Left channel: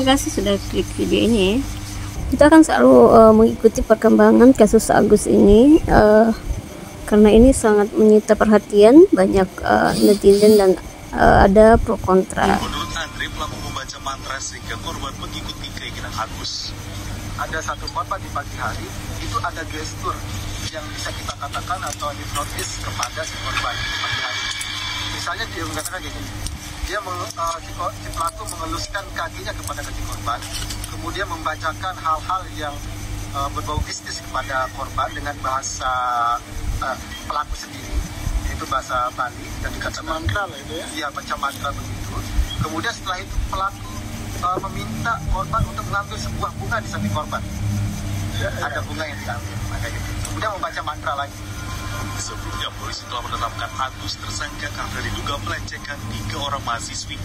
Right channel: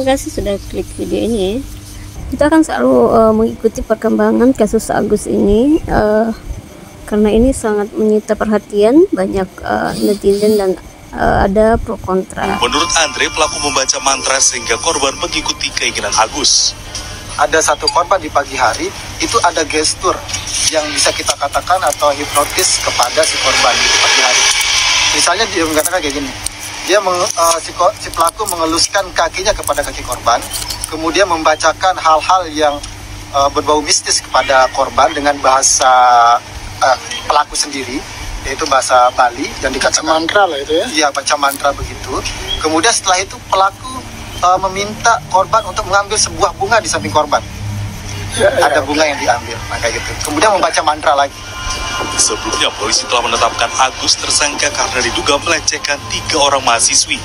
Terima kasih sudah klik video ini. Kita akan selalu mengikuti perkembangan kasus Agus ini karena ini sangat menyita perhatian banyak netizen dan ada pro kontra. Menurut Andre, pelaku membaca mantra sehingga korban mengikuti keinginan Agus. Ada satu korban di pagi hari, itu ada gestur yang bisa kita katakan atau hipnotis kepada si korban di pagi hari. Misalnya dia mengatakan kayak gini, si pelaku mengeluskan kakinya kepada kaki korban, kemudian membacakan hal-hal yang berbau mistis kepada korban dengan bahasa pelaku sendiri, yaitu bahasa Bali, dan dikatakan mantra lah itu ya? Iya, baca mantra begitu. Kemudian setelah itu pelaku meminta korban untuk mengambil sebuah bunga di samping korban. Ada bunga yang diambil, maka gitu. Kemudian membaca mantra lagi. Sebelumnya polisi telah menetapkan Agus tersangka karena diduga melecehkan 3 orang mahasiswi.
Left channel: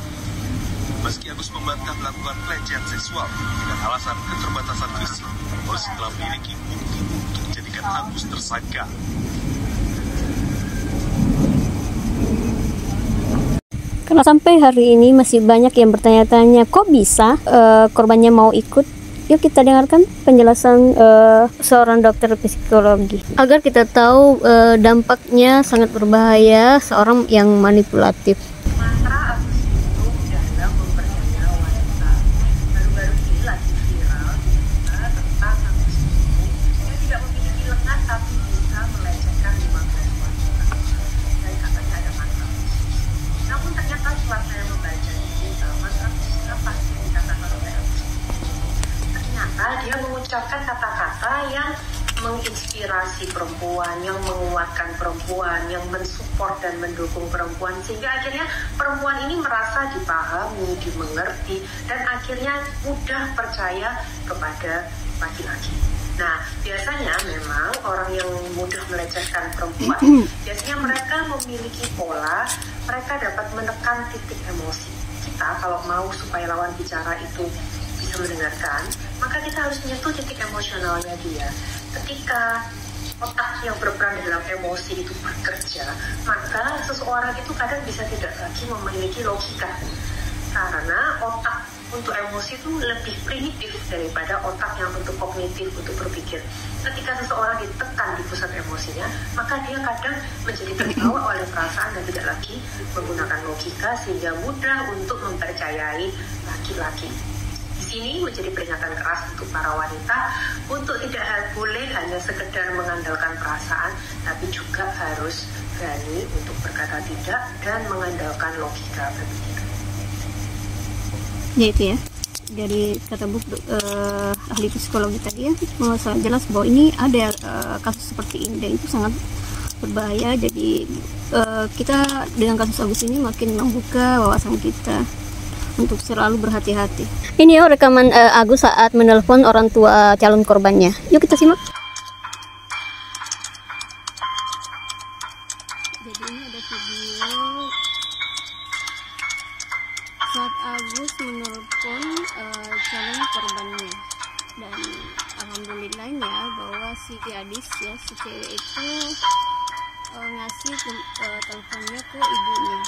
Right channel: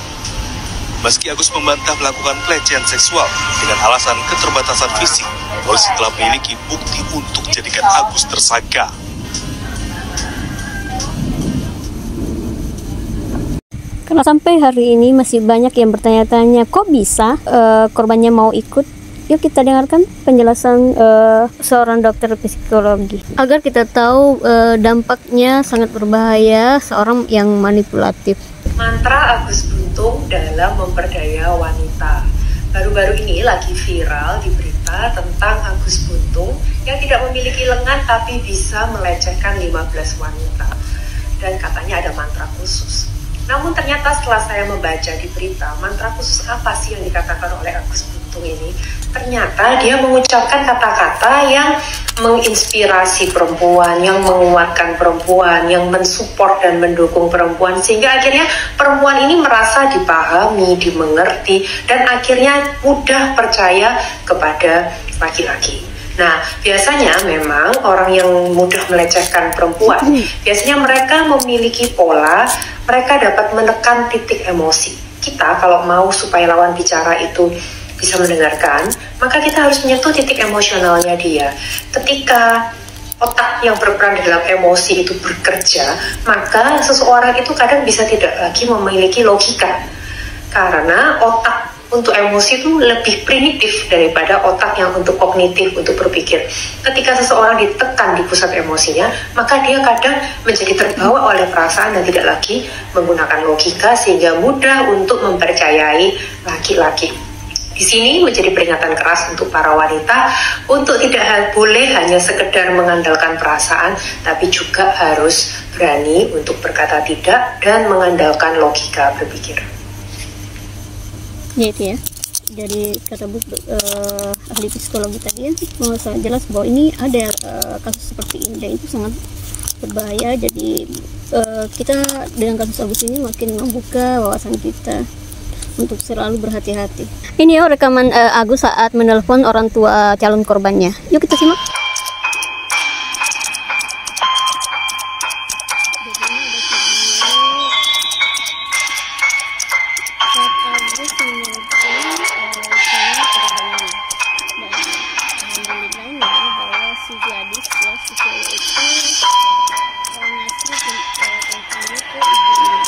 Meski Agus membantah melakukan pelecehan seksual dengan alasan keterbatasan fisik, polisi telah memiliki bukti untuk jadikan Agus tersangka. Karena sampai hari ini masih banyak yang bertanya-tanya kok bisa korbannya mau ikut. Yuk kita dengarkan penjelasan seorang dokter psikologi agar kita tahu dampaknya sangat berbahaya seorang yang manipulatif. Mantra Agus Buntung dalam memperdaya wanita. Baru-baru ini lagi viral di berita tentang Agus Buntung yang tidak memiliki lengan tapi bisa melecehkan 15 wanita. Dan katanya ada mantra khusus. Namun ternyata setelah saya membaca di berita, mantra khusus apa sih yang dikatakan oleh Agus Buntung ini? Ternyata dia mengucapkan kata-kata yang menginspirasi perempuan, yang menguatkan perempuan, yang mensupport dan mendukung perempuan, sehingga akhirnya perempuan ini merasa dipahami, dimengerti, dan akhirnya mudah percaya kepada laki-laki. Nah, biasanya memang orang yang mudah melecehkan perempuan, biasanya mereka memiliki pola, mereka dapat menekan titik emosi. Kita kalau mau supaya lawan bicara itu bisa mendengarkan, maka kita harus menyentuh titik emosionalnya dia. Ketika otak yang berperan dalam emosi itu bekerja, maka seseorang itu kadang bisa tidak lagi memiliki logika. Karena otak untuk emosi itu lebih primitif daripada otak yang untuk kognitif, untuk berpikir. Ketika seseorang ditekan di pusat emosinya, maka dia kadang menjadi terbawa oleh perasaan dan tidak lagi menggunakan logika, sehingga mudah untuk mempercayai laki-laki. Di sini menjadi peringatan keras untuk para wanita untuk tidak boleh hanya sekedar mengandalkan perasaan, tapi juga harus berani untuk berkata tidak dan mengandalkan logika berpikir. Ya itu ya, dari kata buku ahli psikologi tadi ya, sangat jelas bahwa ini ada kasus seperti ini dan itu sangat berbahaya. Jadi kita dengan kasus Agus ini makin membuka wawasan kita untuk selalu berhati-hati. Ini ya rekaman Agus saat menelpon orang tua calon korbannya. Yuk kita simak. Jadi ini ada video saat Agus menelpon calon korbannya. Dan alhamdulillahnya bahwa si gadis ya, si cewek itu ngasih teleponnya ke ibunya.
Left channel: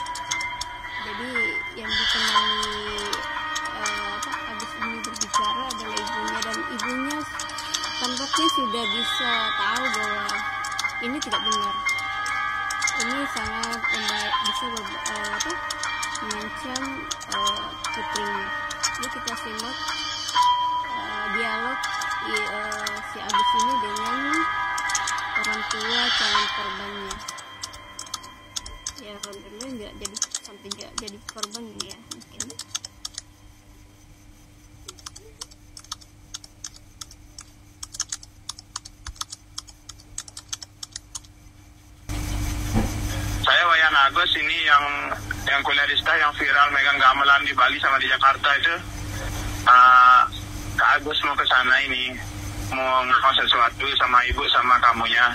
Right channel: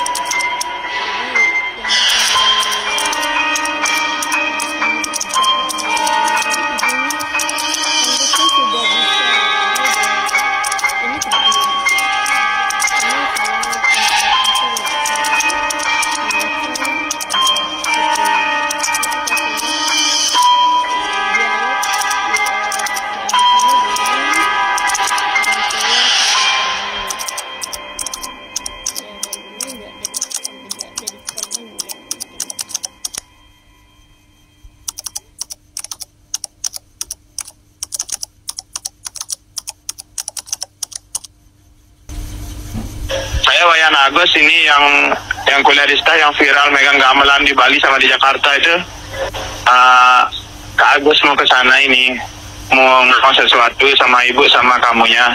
Jadi yang dikenal sudah bisa tahu bahwa ini tidak benar. Ini sangat bisa mengancam putrinya. Ini kita simak dialog si Agus ini dengan orang tua calon korbannya. Ya alhamdulillah nggak jadi sampai jadi korban ya. Saya Wayan Agus ini yang kuliah di STA yang viral megang gamelan di Bali sama di Jakarta itu. Kak Agus mau ke sana ini, mau sesuatu sama ibu sama kamunya.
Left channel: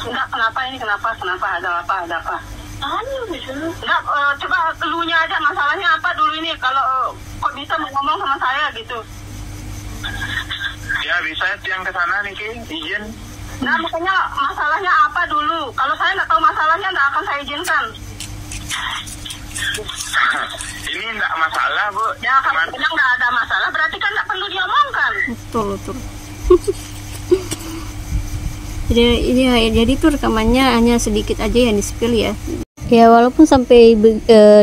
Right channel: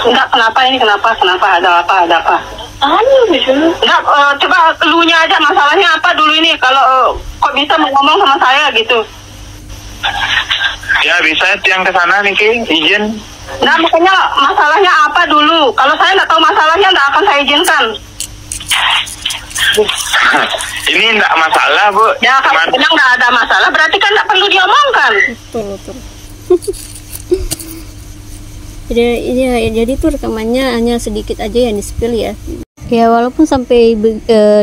Enggak, kenapa ini? Kenapa? Ada apa? Enggak, coba elunya aja masalahnya apa dulu ini, kalau kok bisa ngomong sama saya gitu. Ya bisa yang ke sana nih Ki, izin. Nah makanya masalahnya apa dulu, kalau saya nggak tahu masalahnya nggak akan saya izinkan. Ini enggak masalah, Bu. Ya kalau bilang nggak ada masalah, berarti kan nggak perlu diomongkan. Betul. Jadi tuh rekamannya hanya sedikit aja yang di-spill ya. Ya walaupun sampai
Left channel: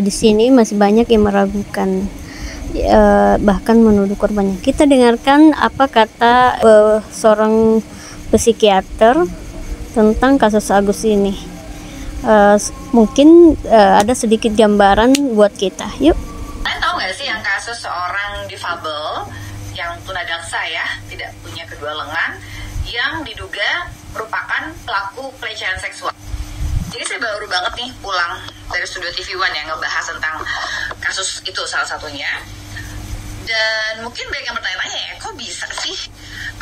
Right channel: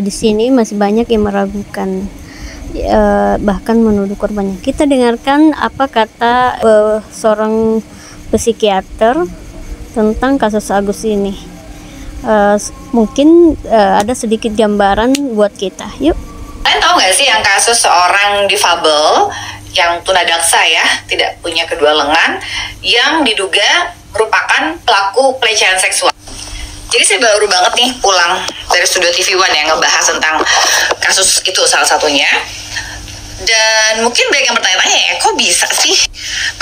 di sini masih banyak yang meragukan, bahkan menuduh korbannya. Kita dengarkan apa kata seorang psikiater tentang kasus Agus ini. Mungkin ada sedikit gambaran buat kita. Yuk. Kalian tahu nggak sih yang kasus seorang difabel yang tunadaksa ya, tidak punya kedua lengan, yang diduga merupakan pelaku pelecehan seksual. Jadi saya baru banget nih pulang dari Studio TV One yang ngebahas tentang kasus itu salah satunya. Dan mungkin banyak yang bertanya-tanya ya, kok bisa sih?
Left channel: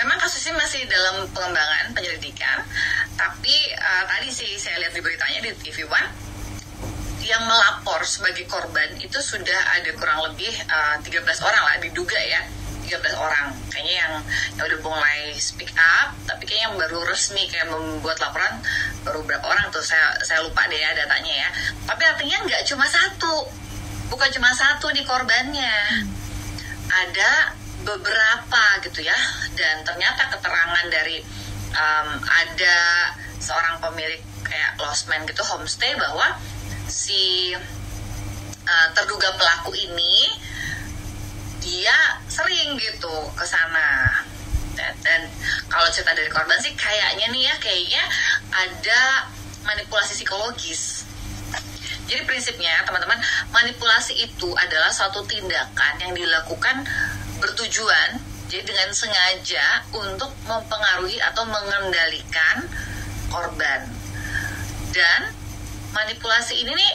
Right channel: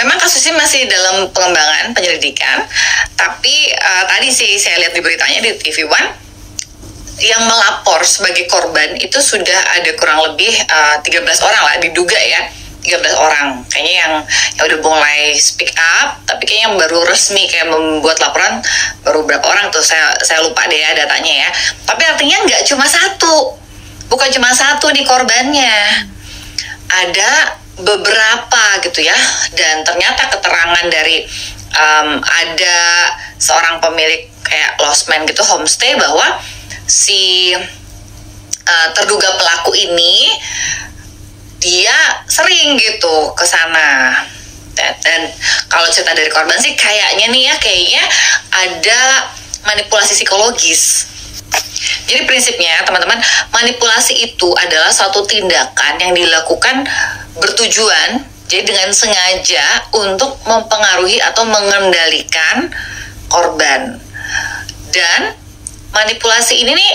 Memang kasusnya masih dalam pengembangan penyelidikan, tapi tadi sih saya lihat di beritanya di TV One, yang melapor sebagai korban itu sudah ada kurang lebih 13 orang lah diduga ya. 13 orang kayaknya yang udah mulai speak up, tapi kayaknya yang baru resmi kayak membuat laporan baru berapa orang tuh, saya lupa deh ya datanya ya. Tapi artinya nggak cuma satu, bukan cuma satu nih korbannya, ada beberapa gitu ya. Dan ternyata keterangan dari ada seorang pemilik kayak losmen gitu, homestay, bahwa si terduga pelaku ini dia sering gitu ke sana. Dan kalau cerita dari korban sih kayaknya ada manipulasi psikologis. Jadi prinsipnya teman-teman, manipulasi itu adalah suatu tindakan yang dilakukan bertujuan, jadi dengan sengaja untuk mempengaruhi atau mengendalikan korban. Dan manipulasi ini nih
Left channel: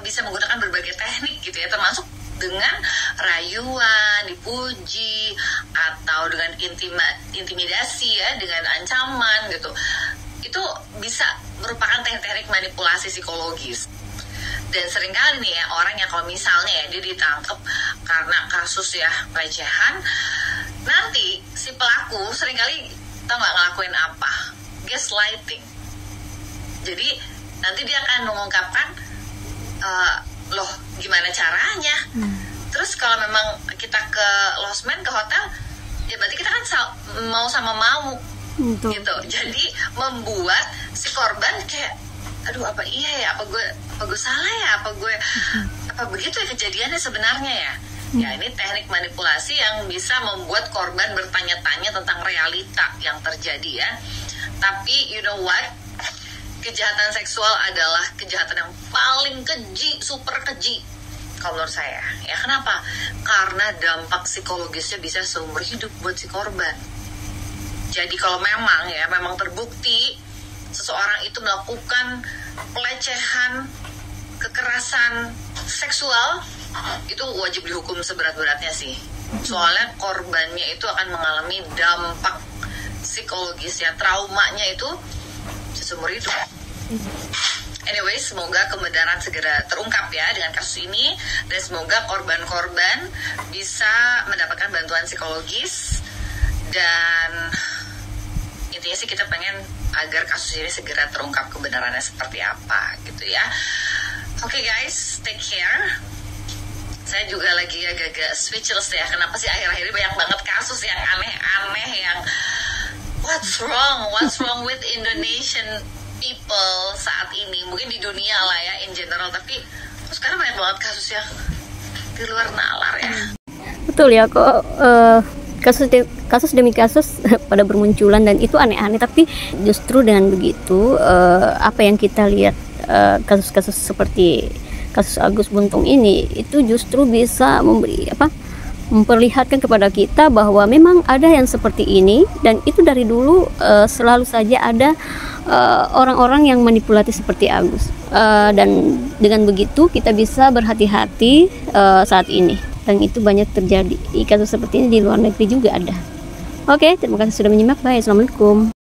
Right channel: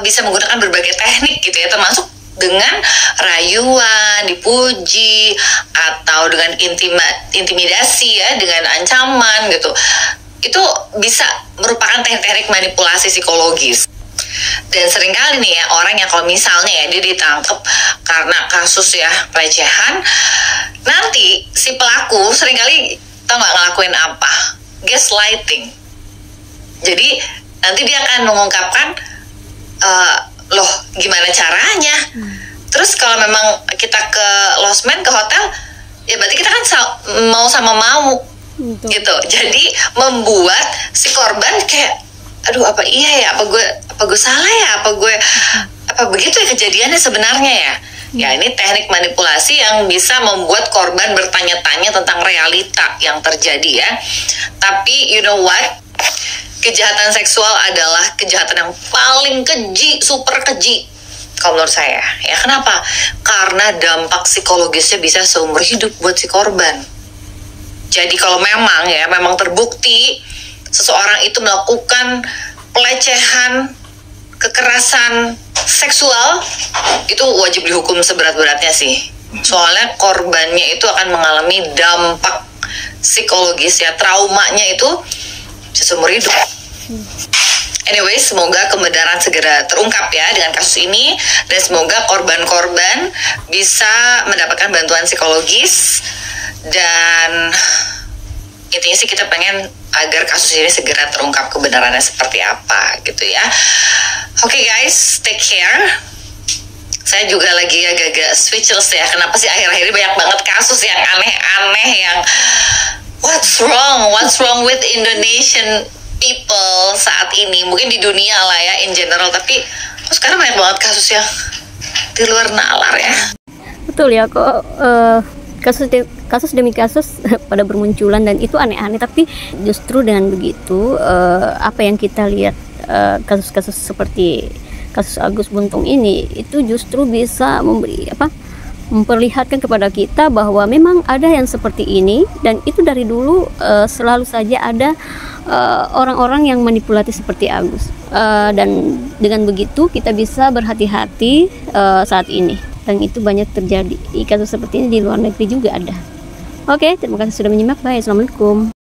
bisa menggunakan berbagai teknik gitu ya, termasuk dengan rayuan, dipuji, atau dengan intimidasi ya, dengan ancaman gitu. Itu bisa merupakan teknik-teknik manipulasi psikologis. Dan seringkali nih ya, orang yang kalau misalnya ya dia ditangkap karena kasus ya pelecehan, nanti si pelaku seringkali tau nggak ngelakuin apa? Gaslighting. Jadi nanti dia akan mengungkapkan, loh gimana caranya? Terus kalau memang kita ke losmen, ke hotel, ya berarti kita kan mau sama mau gitu. Jadi membuat si korban kayak, aduh apa iya ya, apa gue salah ya, apa begitu ya kejadiannya sebenarnya ya. Ya ini teknik manipulasi yang bisa membuat korban bertanya-tanya tentang realita yang terjadi ya. Tapi you know what? Kejahatan seksual adalah kejahatan yang paling keji, super keji kalau menurut saya. Ya kenapa? Karena dampak psikologisnya bisa seumur hidup buat si korban. Jadi kalau memang terbukti seseorang itu melakukan pelecehan, kekerasan seksual, itu wajib dihukum seberat-beratnya sih. Soalnya korbannya itu akan mengalami dampak psikologis ya, traumanya itu seumur hidup. Anyway, semoga kebenaran segera terungkap ya dengan kasus ini, dan semoga korban-korban bisa mendapatkan bantuan psikologis. Dan intinya sih kita pengen agar kasus ini segera terungkap kebenarannya seperti apa gitu ya. Oke guys, take care. Saya juga lagi agak-agak speechless ya. Kenapa sih akhir-akhir ini banyak banget kasus yang aneh-aneh, yang what's wrong with Indonesian people saat ini, mungkin di dunia lah ya in general, tapi sekarang banyak banget kasus yang di luar nalar ya. Betul ya, kok kasus demi kasus pada bermunculan, dan itu aneh-aneh. Tapi justru dengan begitu apa yang kita lihat, kasus-kasus seperti kasus Agus Buntung ini, itu justru bisa memperlihatkan kepada kita bahwa memang ada yang seperti ini, dan itu dari dulu selalu saja ada orang-orang yang manipulatif seperti Agus. Dan dengan begitu kita bisa berhati-hati saat ini, dan itu banyak terjadi. Kasus seperti ini di luar negeri juga ada. Oke, terima kasih sudah menyimak. Bye, assalamualaikum.